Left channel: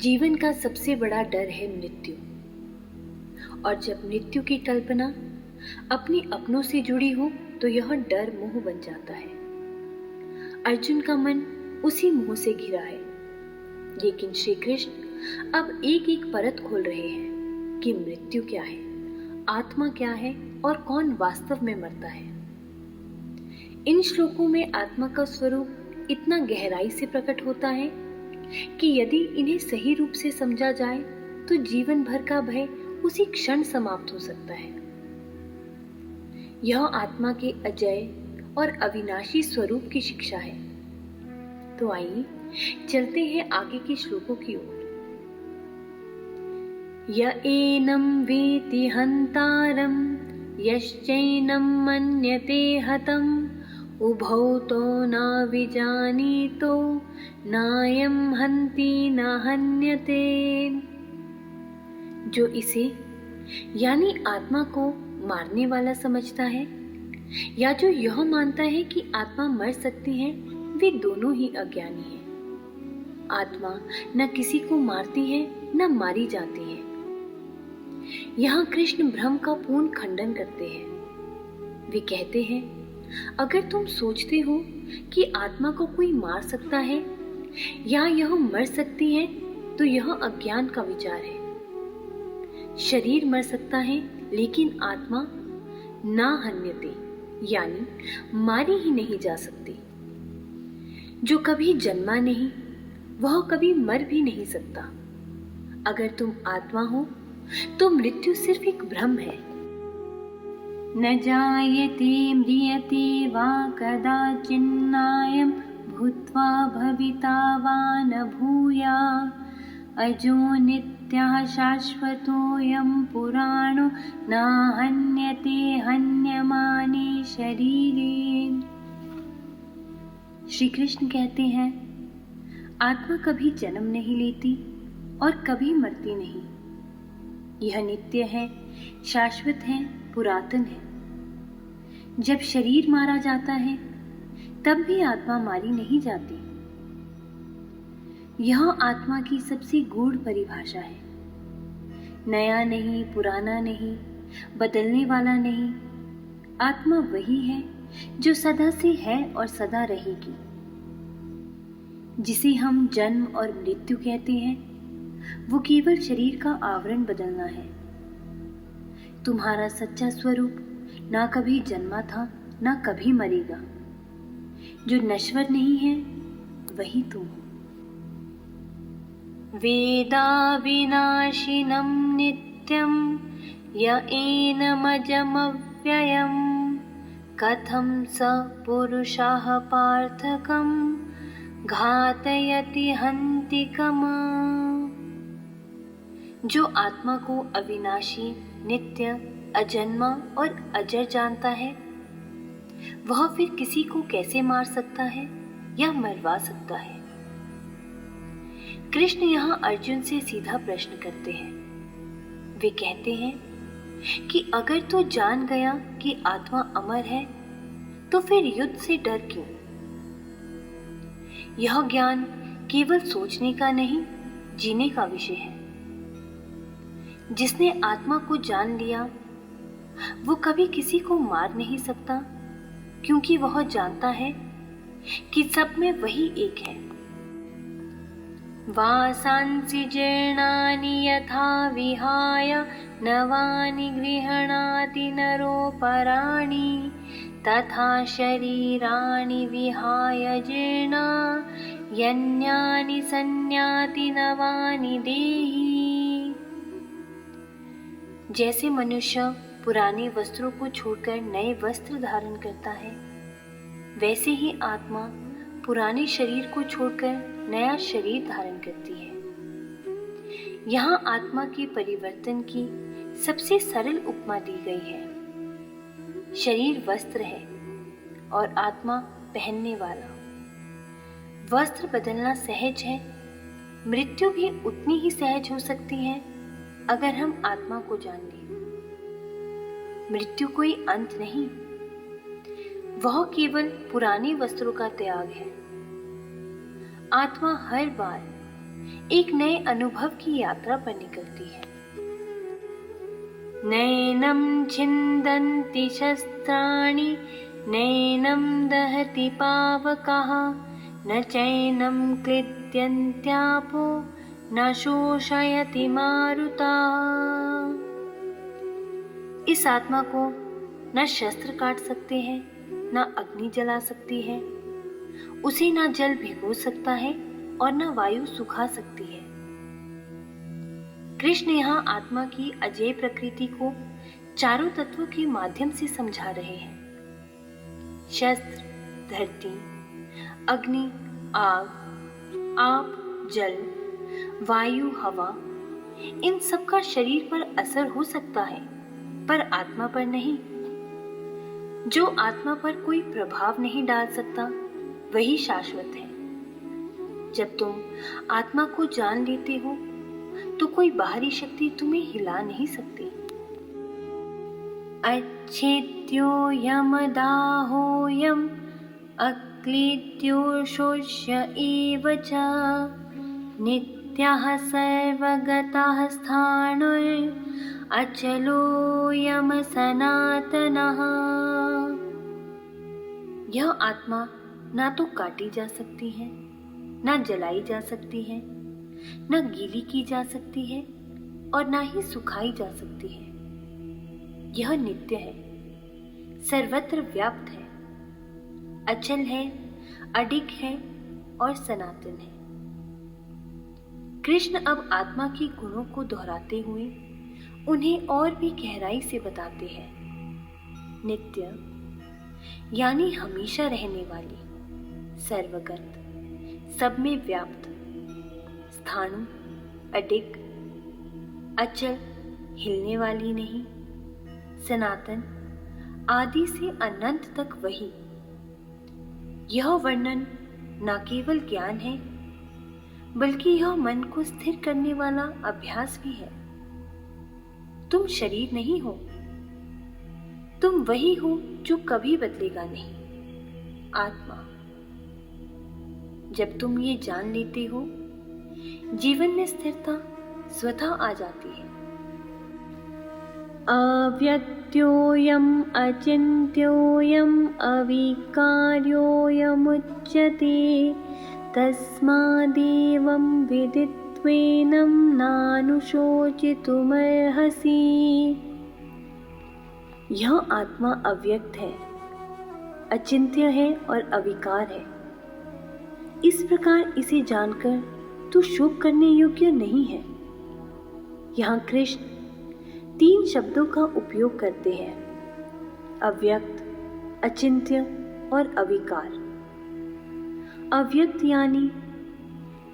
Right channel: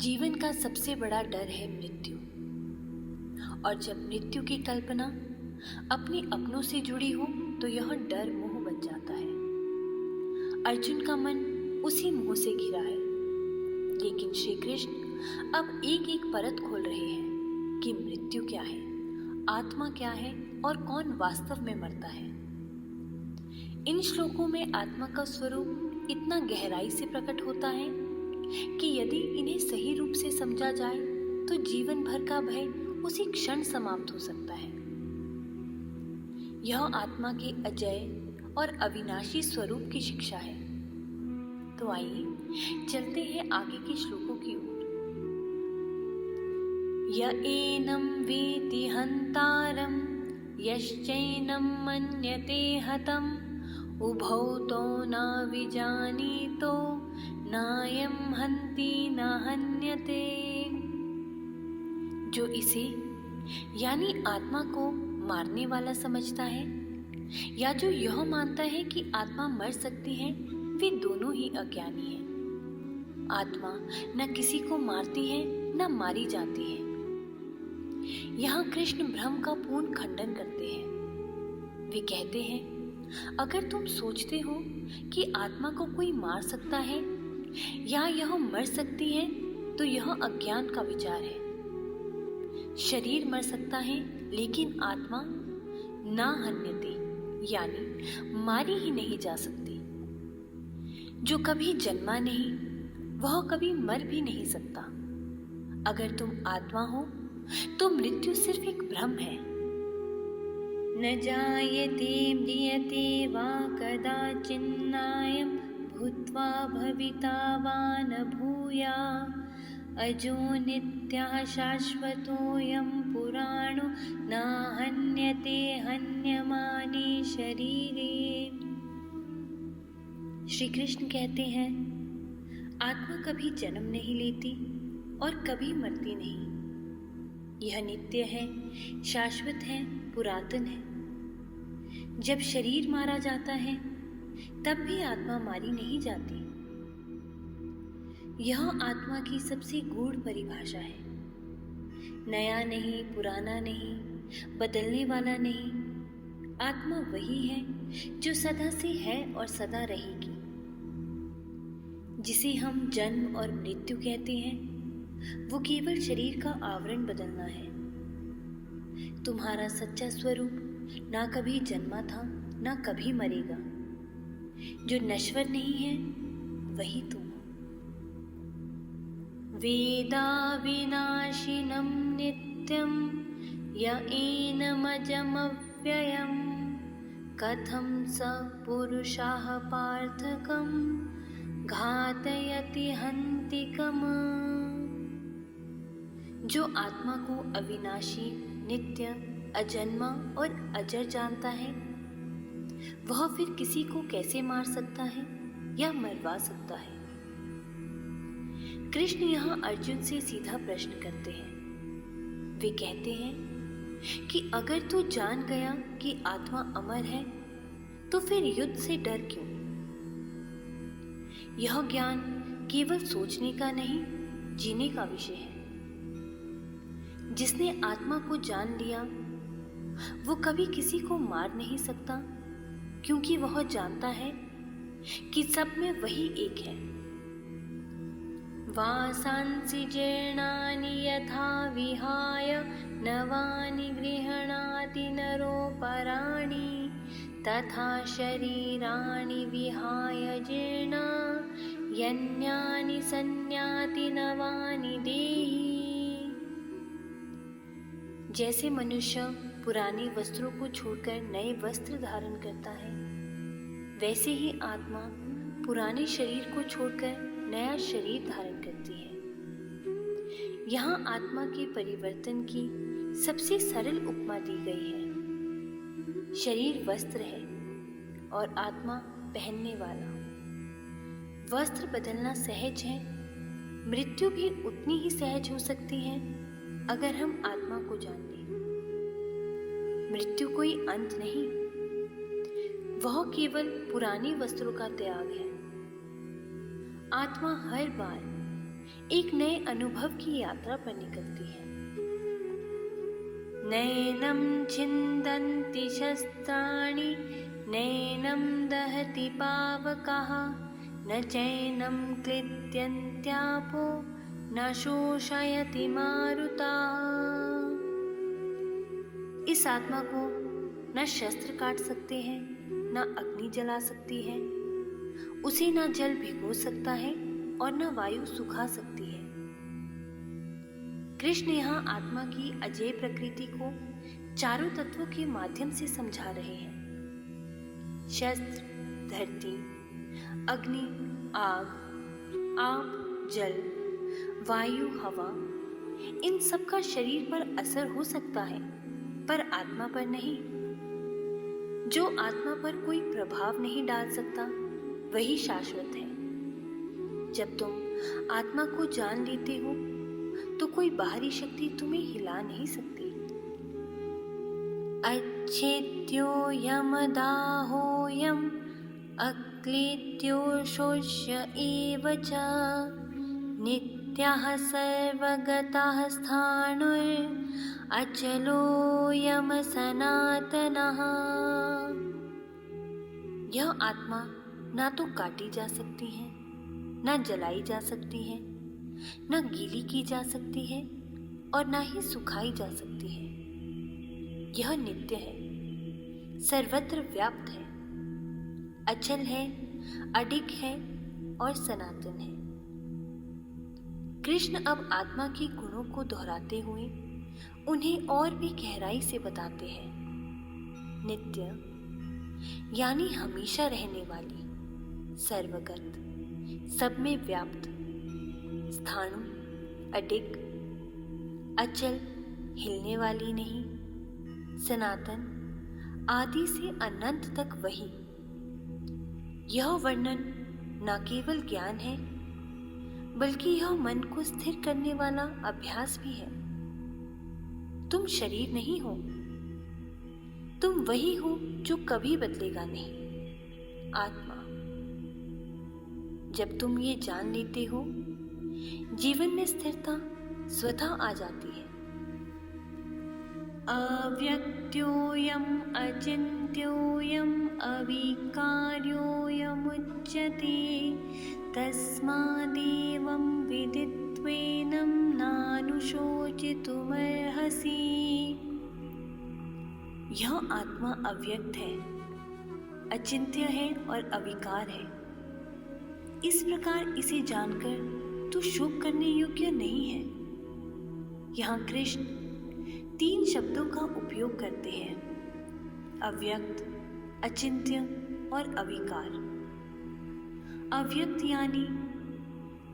जीवन का सबसे बड़ा डर है मृत्यु। और जब मृत्यु की कल्पना अपने अपनों से जुड़ी हो तो यह डर मोह बन जाता है। अर्जुन का मन उसी मोह से घिरा है, लेकिन श्री कृष्ण अब एक एक परत खोल रहे हैं कि मृत्यु क्या है, आत्मा क्या है और कौन वास्तव में मरता है। इन श्लोकों में आत्मा का स्वरूप इतना गहराई से प्रकट होता है कि यदि इन्हें सही रूप से समझा जाए तो जीवन भर का भय उसी क्षण समाप्त हो सकता है। यह आत्मा के अजय और अविनाशी स्वरूप की शिक्षा है। तो आइए चलते हैं आगे के श्लोकों की ओर। य एनं वेति हन्तारं यश्चैनं मन्यते हतम् उभौ तो न विजानीतो नायं हन्ति न हन्यते। जो इसे यानी आत्मा को मारने वाला समझता है या जो यह मानता है कि आत्मा मर सकती है, वे दोनों ही अज्ञानी हैं। आत्मा न किसी को मारती है न मारी जाती है। यहाँ कृष्ण भ्रम का पूर्ण खंडन करते हैं। वे कहते हैं, अगर तुम सोचते हो कि आत्मा को कोई मार सकता है या यह मर सकती है तो यह अज्ञान का विचार है। शरीर मर सकता है लेकिन आत्मा ना हन्यते यानी मारी ही नहीं जा सकती। जो कभी जन्मा नहीं वह कभी मर भी नहीं सकता। अगर तुम आत्मा हो तो मृत्यु सिर्फ एक भ्रम है। न जायते म्रियते वा कदाचिन्नायं भूत्वा भविता वा न भूया अजो नित्यः शाश्वतोऽयं पुराणो न हन्यते हन्यमाने शरीरे। श्री कृष्ण कहते हैं, आत्मा कभी जन्म नहीं लेती और कभी मरती नहीं। यह नित्य है, शाश्वत है, पुरातन है। जब शरीर मारा जाता है तब भी आत्मा मारी नहीं जाती। यह आत्मा की सबसे गूढ़ परिभाषा है। नया नहीं, पुराना नहीं, बदलने वाला नहीं। आत्मा वही है जो सदा से है और सदा रहेगी। जिसे हम जन्म और मृत्यु कहते हैं वो केवल शरीर का आवरण बदलना है। तुम्हारा सच्चा स्वरूप ना कभी जन्मा था ना कभी मरेगा। जो नश्वर नहीं है वही तुम हो। वेदा विनाशिनं नित्यं य एनमजमव्ययं कथं स पुरुषः पार्थकं घातयति हन्तिकम्। जो आत्मा को अविनाशी, नित्य, अजन्मा और अजर जानता है वह फिर किसी को कैसे मार सकता है या मरवा सकता है। कृष्ण यहाँ अर्जुन से सीधा प्रश्न करते हैं। वे कहते हैं कि अगर तू जान गया कि आत्मा अमर है तो फिर युद्ध से डर क्यों। यह ज्ञान केवल सोचने का नहीं, जीने का विषय है। जिसने आत्मा को जान लिया वो कभी किसी को मार नहीं सकता, क्योंकि वह जानता है कि सब में वही एक है। वासांसि जीर्णानि यथा विहाय नवानि गृह्णाति नरोपराणि तथा शरीराणि विहाय जीर्णा यन्यानि संयाति नवानि देहि। जैसे मनुष्य पुराने वस्त्रों को छोड़कर नए वस्त्र धारण करता है, वैसे ही आत्मा पुराने शरीर को छोड़कर नया शरीर धारण करती है। यहाँ आत्मा के परिवर्तन की सबसे सरल उपमा दी गई है। शरीर वस्त्र है और आत्मा पहनने वाला। वस्त्र बदलना सहज है, मृत्यु भी उतनी ही सहज हो सकती है अगर हम आत्मा को जान लें। मृत्यु कोई अंत नहीं, वह केवल पुराने वस्त्रों का त्याग है। आत्मा हर बार एक नए अनुभव की यात्रा पर निकलती है। नैनं छिन्दन्ति शस्त्राणि नैनं दहति पावकः न चैनं क्लिद्यन्त्यापो न शोषयति मारुता। इस आत्मा को न शस्त्र काट सकते हैं, न अग्नि जला सकती है, उसे न जल भिगो सकता है और न वायु सुखा सकती है। कृष्ण यहाँ आत्मा की अजेय प्रकृति को चारों तत्वों के माध्यम से समझा रहे हैं। शस्त्र, धरती, अग्नि, आग, आप, जल, वायु, हवा, इन सब का शरीर पर असर हो सकता है, पर आत्मा पर नहीं। जो आत्मा पर कोई प्रभाव नहीं डाल सकता वही शाश्वत है। जब तुम आत्मा को जान लेते हो तो कोई बाहरी शक्ति तुम्हें हिला नहीं सकती। अच्छेद्यो यमदाहोयम अक्लेद्यो शोष्य एव च नित्यः सर्वगतः स्थाणुर् अचलोऽयं सनातनः। यह आत्मा ना तो काटी जा सकती है, ना जलाई जा सकती है, ना गीली की जा सकती है और ना ही सुखाई जा सकती है। यह नित्य है, सर्वत्र व्याप्त है, अचल है, अडिग है और सनातन है। कृष्ण अब आत्मा के गुणों को दोहराते हुए उन्हें और भी गहराई से बताते हैं। नित्य यानी हमेशा रहने वाली, सर्वगत, सब में व्याप्त, स्थाणु, अडिग, अचल, हिलने वाली नहीं, सनातन, आदि से अनंत तक वही। यह वर्णन न केवल ज्ञान है बल्कि यह मन को स्थिर करने वाला अभ्यास भी है। तुम शरीर नहीं हो, तुम वही हो जो कभी बदलेगा नहीं, आत्मा। जब तुम ये जान लेते हो, जीवन में स्थिरता स्वतः आ जाती है। अव्यक्त्योऽयम् अचिन्त्योऽयम् अविकार्योऽयमुच्यते तस्मादेवं विदित्वेनं नानुशोचितुमर्हसि। यह आत्मा अव्यक्त है, अचिंत्य है और अविकार है। इस प्रकार इसे जानकर तू शोक करने योग्य नहीं है। यहाँ कृष्ण 3 शब्दों का उपयोग करते हैं, अव्यक्त, अचिंत्य और अविकार। अव्यक्त यानी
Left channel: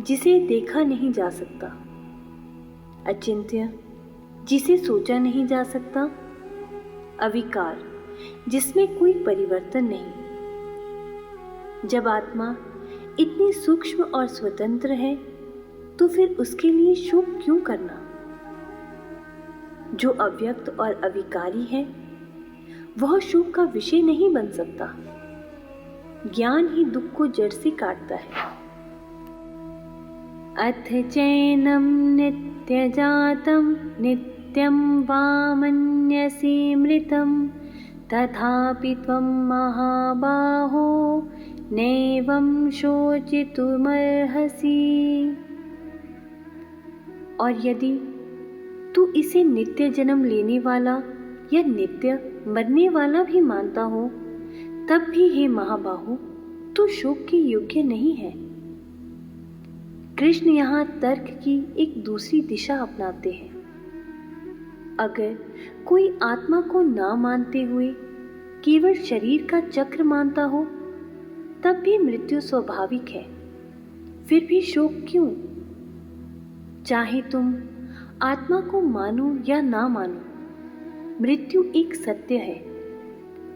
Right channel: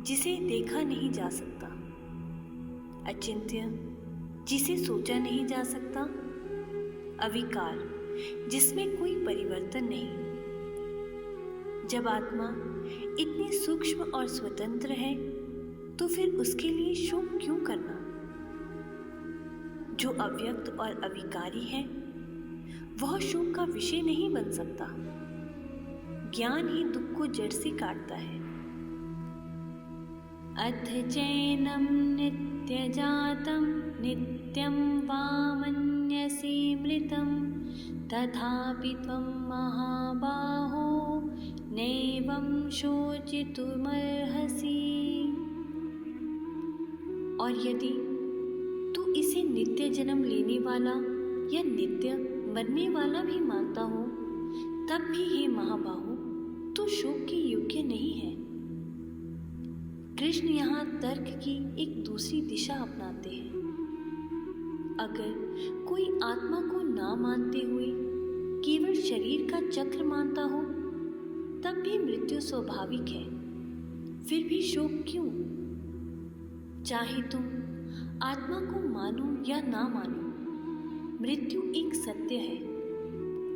जिसे देखा नहीं जा सकता, अचिंत्य जिसे सोचा नहीं जा सकता, अविकार जिसमें कोई परिवर्तन नहीं। जब आत्मा इतनी सूक्ष्म और स्वतंत्र है तो फिर उसके लिए शोक क्यों करना? जो अव्यक्त और अविकारी है वह शोक का विषय नहीं बन सकता। ज्ञान ही दुख को जड़ से काटता है। अथ चैनं नित्यजातं नित्यं वामन्यसे मृतं तथापि त्वं महाबाहो नैवं शोचितुमर्हसि। और यदि तू इसे नित्य जन्म लेने वाला या नित्य मरने वाला भी मानता हो, तब भी हे महाबाहु तू शोक के योग्य नहीं है। कृष्ण यहाँ तर्क की एक दूसरी दिशा अपनाते हैं। अगर कोई आत्मा को ना मानते हुए केवल शरीर का चक्र मानता हो, तब भी मृत्यु स्वाभाविक है। फिर भी शोक क्यों? चाहे तुम आत्मा को मानो या ना मानो, मृत्यु एक सत्य है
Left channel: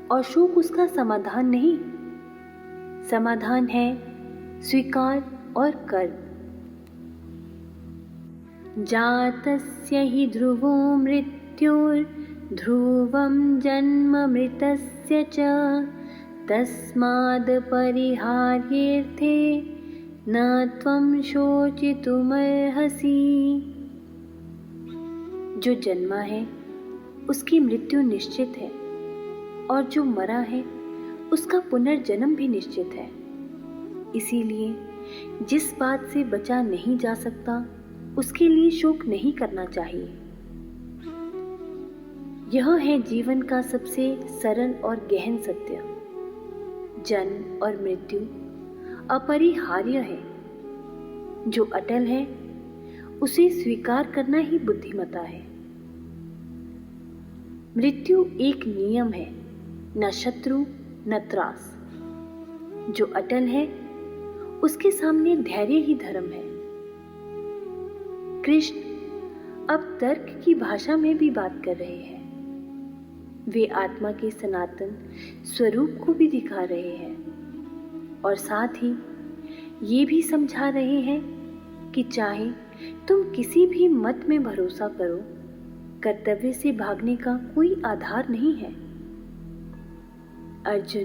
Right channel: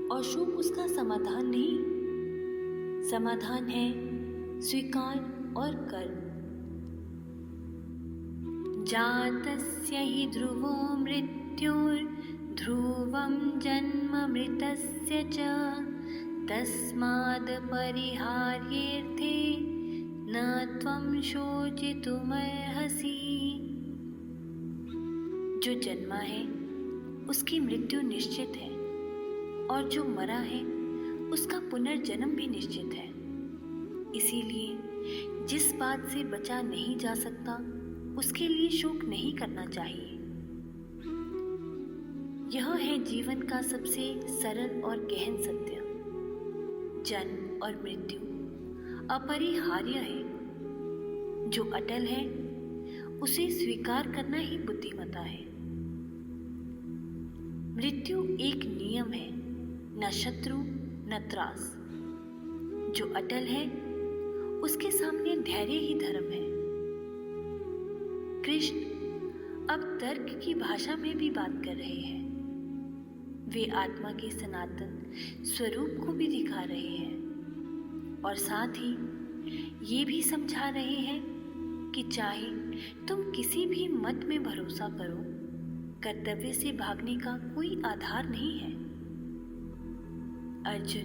और शोक उसका समाधान नहीं। समाधान है स्वीकार और कर्म। जातस्य हि ध्रुवो मृत्युर्ध्रुवं जन्म मृतस्य च तस्माद् परिहार्येऽर्थे न त्वं शोचितुमर्हसि। जो जन्मा है उसकी मृत्यु निश्चित है, और जो मरा है उसका पुनर्जन्म भी निश्चित है। इसीलिए जिस बात से बचा नहीं जा सकता उसके लिए शोक नहीं करना चाहिए। यह है जीवन का सबसे सरल और गहन सत्य। जन्म और मृत्यु अपरिहार्य है। जो अटल है उसे स्वीकार करना ही बुद्धिमता है। मृत्यु एक नियम है, न शत्रु न त्रास। जो अटल है उसके सामने धैर्य ही धर्म है। कृष्ण अब तर्क की भाषा में भी बात कर रहे हैं। वे आत्मा के सनातन स्वरूप को भी दिखा रहे हैं और साथ ही ये भी समझा रहे हैं कि चाहे तुम किसी भी मत में भरोसा करो, कर्तव्य से भागने का कोई आधार नहीं है। अर्जुन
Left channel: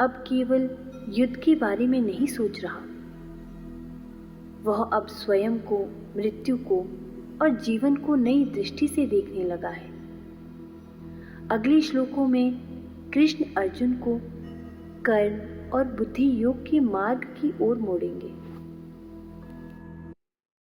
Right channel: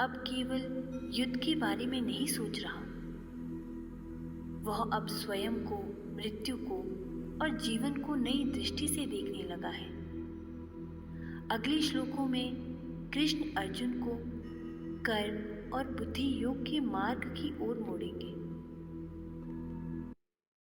अब केवल युद्ध के बारे में नहीं सोच रहा। वह अब स्वयं को, मृत्यु को और जीवन को नई दृष्टि से देखने लगा है। अगले श्लोकों में कृष्ण अर्जुन को कर्म और बुद्धि योग के मार्ग की ओर मोड़ेंगे।